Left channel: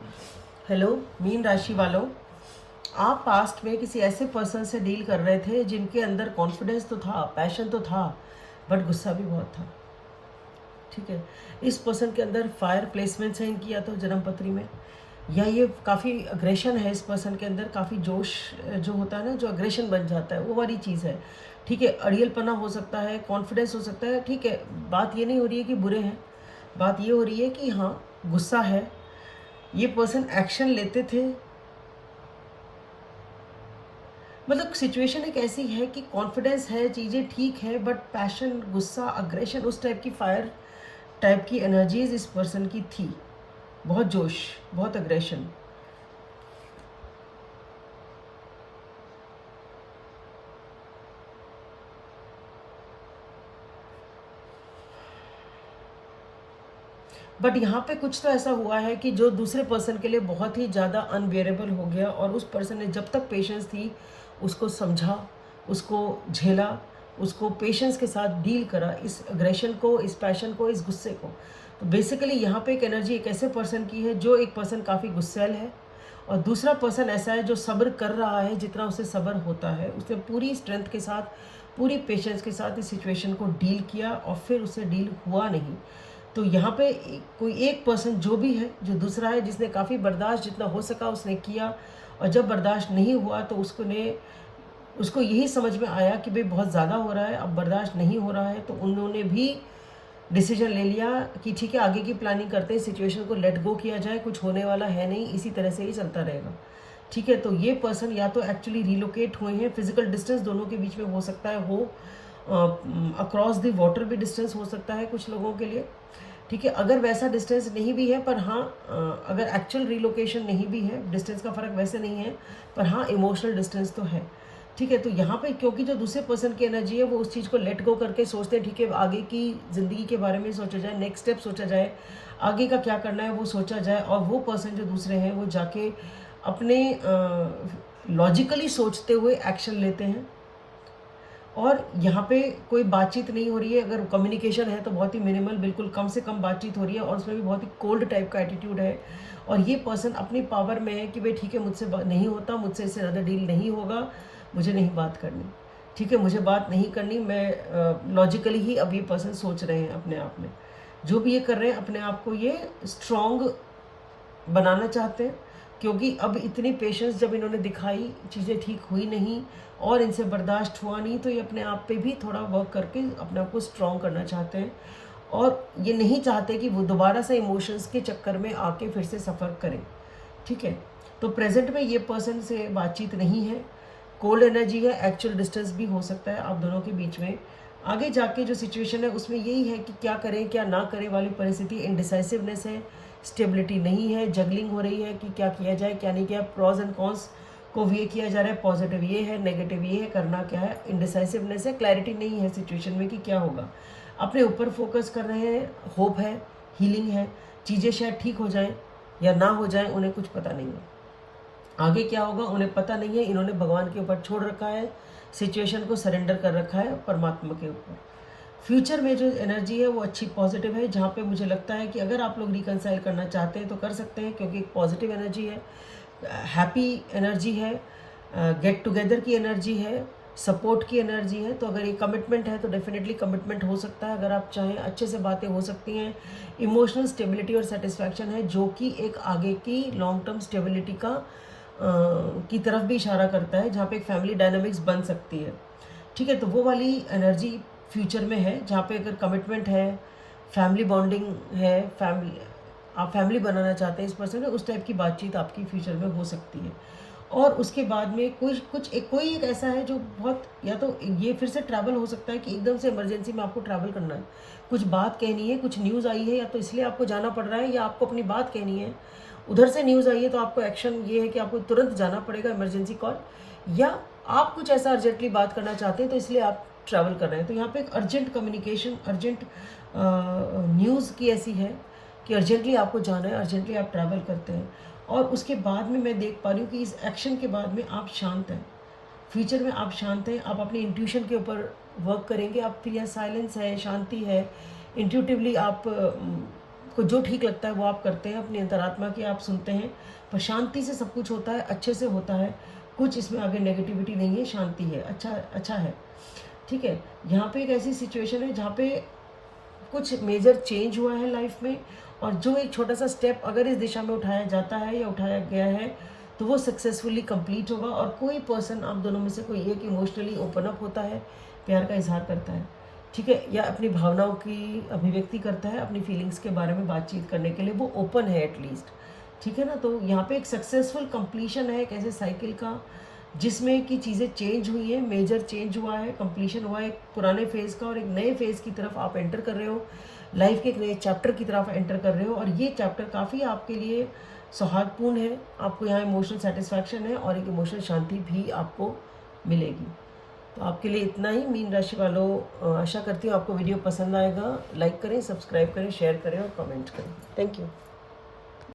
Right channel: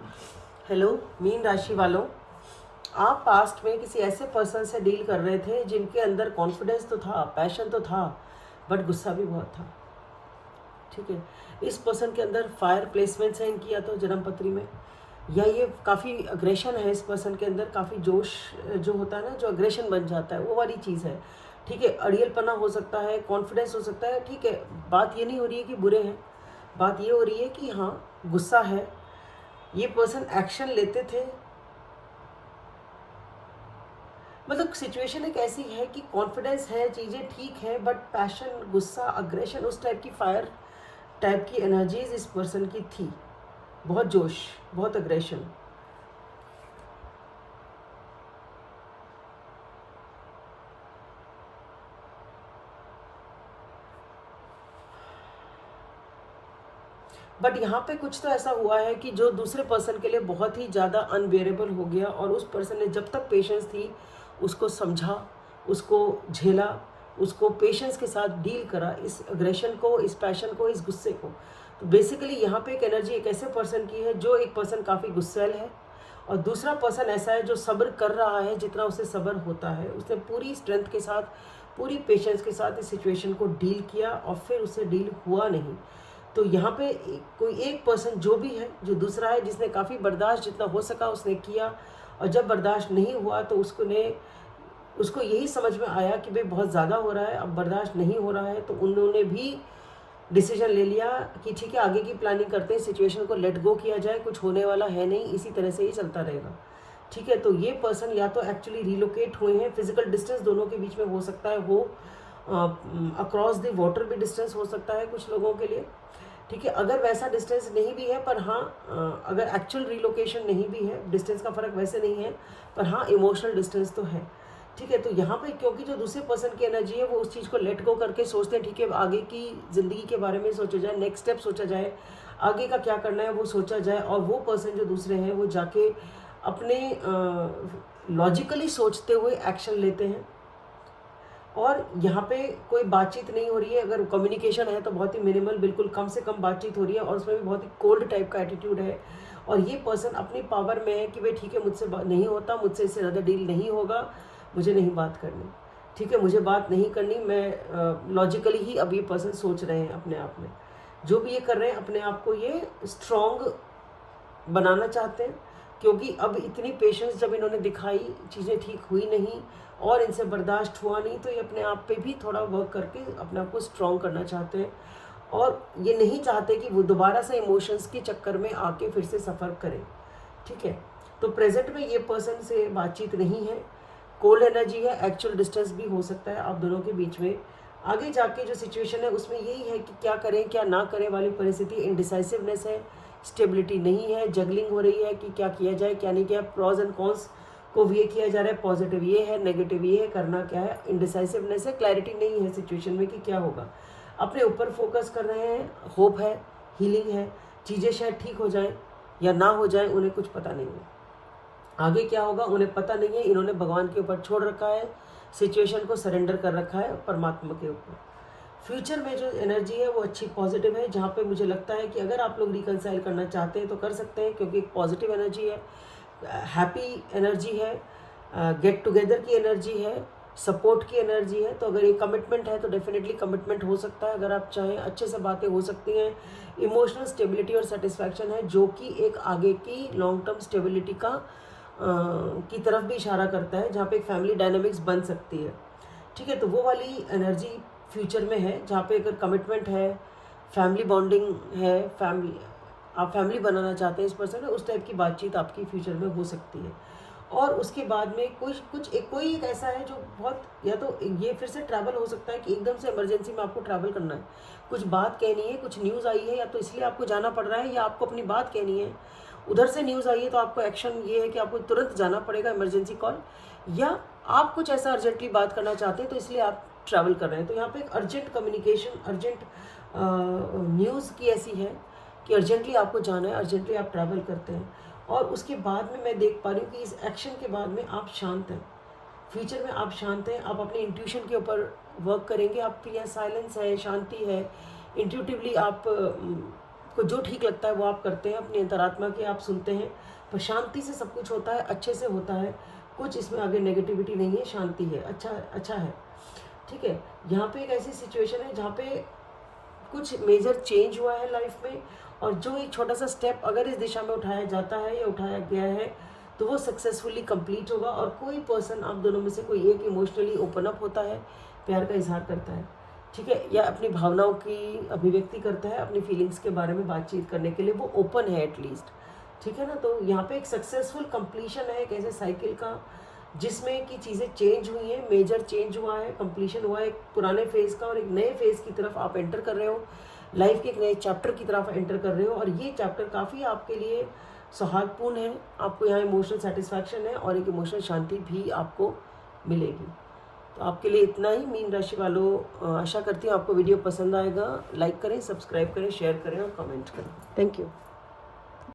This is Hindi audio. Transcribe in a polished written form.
हेलो मीन राशि वालों, आप पास्ट में किसी ऐसे पर्सन से डील कर रहे थे जिनके अंदर कॉन्फिडेंस तो था, पैशन तो था, बट गुस्सा भी बहुत था। ठीक है, इस पर्सन के अंदर फायर प्लेसमेंट्स हैं इनकी, या तो जन्म पत्री में, या ये काफ़ी अग्रेशन है इस पर्सन के अंदर, काफ़ी जोश जो होता है ना, जो अग्रेशन बन जाता है, वो वाली चीज़ है। ठीक है, अड़ियलपना हो सकता है, कॉन्फिडेंस हो सकता है। ठीक है, बात ये नहीं हो रही है कि बुरे हैं, बात ये हो रही है कि हाँ, गुस्सा है। ये पर्सन एक्शन लेते थे, मतलब सिचुएशन एक ऐसी है कि कॉन्फिडेंस है, चीज़ें ठीक है, बट पैशन, गुस्सा, अग्रेशन, उस टाइप की फायर टाइप की एनर्जीज इस पर्सन की थी। बहुत जोश, बहुत अग्रेशन। बट यहाँ पे कुछ तो ऐसा हुआ है कि जो दूसरे पर्सन के लिए बहुत ही ज़्यादा अनबियरेबल हो गया, और उस पर्सन ने जब तक पेशेंस थी उसको समझा, उसको झेला, उसको पेशेंस के साथ डील करा, इस अग्रेशन को, इस पैशन को, इस गुस्से को। तो बेसिकली यहाँ पे एक एनर्जी एक ऐसे पर्सन की है, जो एक पर्सन काफ़ी गुस्सैल है, और दूसरा पर्सन ऐसा है जो सब्र कर रहा है, जितना उसे सब्र होता है। उसने पूरी स्ट्रेंथ के साथ, पूरी पेशेंस के साथ इस सिचुएशन को डील किया, और फिर उसे डील हुआ नहीं। तो यहाँ पे कोई एक पर्सन जो भी है, जो दूसरा है, जिसने काफ़ी बर्दाश्त जितना हो सका उसने किया, और जब बर्दाश्त नहीं हुआ तो उसको यही समझ में आया कि भाई बहुत ज़्यादा हो रहा है, अब बर्दाश्त नहीं हो रहा है, तो उन्होंने भी डिसीजन ले लिया कि ठीक है, आगे की प्लानिंग करते हैं, सिचुएशन को लेट गो किया जाए, कुछ होने वाला है नहीं, इसी तरह से ही चलता रहेगा। ठीक है, तो ये पर्सन या तो एक्चुअली रिलोकेट हुए हैं, फिजिकल डिस्टेंस दोनों के बीच में हो सकता है, हो अक्रॉस द वाटर भी डिस्टेंस हो सकता है कुछ लोगों के लिए। ठीक है, अगर वैसा डिस्टेंस नहीं भी है, पर हाँ, अगर एक्चुअल रिलोकेशन नहीं भी है, डिस्टेंस का फ़र्क वैसे नहीं है, पर हाँ इमोशनल डिस्टेंस तो है। ठीक है, तो यहाँ पे क्योंकि जो दूसरे पर्सन की एनर्जी है, वो उस चीज़ को लेट गो करके सोचते हैं, ठीक है, आगे की ज़िंदगी के बारे में सोचा जाए, नेक्स्ट स्टेप सोचा जाए, आगे का क्या करना है वो सोचा जाए, और वो पर्सन जो दूसरे हैं वो जाके अपने लॉजिकली सोचते हुए एक्शन लेते हैं। और यहाँ पे कोई बातचीत नहीं हो रही है, अगर कम्युनिकेशन है तो बहुत ही मिनिमल, बिल्कुल कम से कम बातचीत हो रही है, और उसमें भी बहुत ही कोल्ड टाइप का एटीट्यूड है। और ये पर्सन अपनी पावर में है कि भाई ठीक है, मुझसे नहीं होता, मुझसे इससे ज़्यादा डील नहीं होगा, मुझे नहीं बात करनी। ठीक है, मुझे बात नहीं करनी, मैं लॉजिकली ही अब ये पर्सन सोच रहे हैं अपने आप में, जो भी ये कर रहे हैं अपने आप को ये स्ट्रॉन्ग बनाना चाहते हैं, क्योंकि अब इतनी पेशेंस जब इन्होंने दिखाई, चीज़ें ठीक हुई नहीं और इनसे बर्दाश्त हुआ नहीं, तो ये अपने आप पे भी थोड़ा वर्क करके अपने आप को स्ट्रॉन्ग करना चाहते हैं, और ये नहीं चाहते कि वो दोबारा से इमोशंस के चक्कर में आके फिर से सफ़र करें। ठीक है, तो प्रेजेंट में ये पर्सन से बातचीत नहीं है, कोल्ड एनर्जी है, एक्चुअल डिस्टेंस भी हो सकता है आप दोनों के बीच में। आगे जाके जो सिचुएशन है उसमें यही है कि क्या करें क्या ना करें वाली परिस्थिति, इनडिसाइसिवनेस है, स्टेबिलिटी नहीं है, जगलिंग हो रही है कि क्या किया जाए क्या नहीं किया, प्रॉज एंड कॉन्स को ये किया जा रहा है, पॉजिटिव ये है, नेगेटिव ये है, करना क्या है, इनडिसाइसिवनेस है, क्लैरिटी नहीं है सिचुएशन में कि क्या होगा। अपने ऊपर फोकस कर रहे हैं, होप है, हीलिंग है, चीज़ें शायद ठीक हो जाएं या ना हो जाएं, उन्हें कुछ पता नहीं है, आगे क्या होगा उन्हें पता नहीं है। इन्होंने भगवान के ऊपर छोड़ रखा है, सिचुएशन को सरेंडर कर रखा है परमात्मा के ऊपर। फ्यूचर में जो एनर्जी है वो अच्छी पॉजिटिव है, जहाँ पे मुझे लगता है कि अगर आप लोग रिकनसाइल करना चाहते हैं तो कर सकते हैं, क्योंकि एक पॉजिटिव एनर्जी है, हैप्पी एनर्जी है, गेट टुगेदर की एनर्जी है, सपोर्ट की एनर्जी है। तो अगर ये कमिटमेंट है तो डेफिनेटली कमिटमेंट हो सकता है, अगर आप चाहें अच्छे से बातें हो सकती हैं। इमोशनल स्टेबिलिटी और सेटिस्फैक्शन है, जो कि एक आगे की लॉन्ग टर्म स्टेबिलिटी की तरफ भी इशारा करता है, जहाँ पे एक फैमिली डायनामिक्स बन सकती है। ठीक है, तो वो वाली एनर्जी फ्यूचर में है, जहाँ पे अगर कमिटमेंट है, फैमिली बॉन्डिंग है, आप फैमिली बनाना चाहते हैं इस पर्सन में, उस टाइप की बातचीत आपकी फ्यूचर में हो सकती है। और उसके बाद में कोई एक ऐसा है जो बहुत, या तो ये फिर से ट्रैवल हो सकता है कि एकदम से इमरजेंसी में आपको ट्रैवल करना है, कुछ बात कहनी है, कुछ न्यूज़ आई है, या तो इसलिए आपको जाना पड़ रहा है, या आपको अपनी बात कहनी है, उधर से न्यूज़ आई है, तो आपको एक्शन ये है कि आपको तुरंत जाना पड़ेगा, इमरजेंसी कॉल, या आप कुछ ऐसा अर्जेंटली बात करना चाहते हैं तो इसलिए आप ट्रैवल कर रहे हैं। तो यहाँ पे एक अर्जेंट कम्युनिकेशन, अर्जेंट न्यूज़ की ऐसी है कि अर्जेंटली आपको जाना है, अर्जेंटली आप ट्रैवल करते हैं। और उसके बाद में मैं देख पा रही हूँ कि इस एक्शन के बाद में आप शांत हैं, फ्यूचर में आप शांत हैं, आप अपनी इंट्यूशन के ऊपर वर्क करेंगे, आप यहाँ साइलेंस है, शांति है, इंट्यूटिवली आप आपको जो ठीक लगता है वो आप करते हैं, अपनी अंतरात्मा की आप सुनते हैं, पर शांति से सब कुछ होता है, अच्छे से होता है, कुछ इसमें आगे नेगेटिविटी नहीं है, शांति है, अच्छा है, ठीक है। यहाँ पे एक ऐसी सिचुएशन है जहाँ पे कुछ मेजर चेंज हुआ है लाइफ में, और जो एक छोटा सा स्टेप अगर इस दिशा में उठाया जाता है या उठाया गया है तो वो सक्सेसफुली कंप्लीट होगा, और कोई पर्सन आप दोनों में से कोई एक इमोशनली ओपन अप होता है, प्यार का इजहार करता है, ठीक है, या अपनी भावनाओं की अभिव्यक्ति करता है, अपनी फीलिंग्स के बारे में बातचीत करने के लिए वो ओपन है एटलीस्ट, ठीक है ना। तो यहाँ पे एक सक्सेसफुल कंप्लीशन है एक ऐसे साइकिल का जिसमें कि चीज़ें चेंज हुई हैं, मेजर चेंज हुआ है, कंप्लीशन हुआ है एक पुराने फेज़ का, और एक नए फेज़ की तरफ आप एंटर कर रहे हो, लाइफ के एक नए चैप्टर की तरफ एंटर कर रहे हो, और ये चैप्टर काफ़ी आपके लिए सौहार्दपूर्ण है, आपको यहाँ इमोशनल सेटिस्फैक्शन है और एक इमोशनल शांति भी आपको मिलेगी। तो आपके लिए इतना ही मीन राशि वालों, आशा करती हूँ आपको वीडियो पसंद आएगा। लाइक करें, सब्सक्राइब करें, शेयर करें और कमेंट करें। Thank you.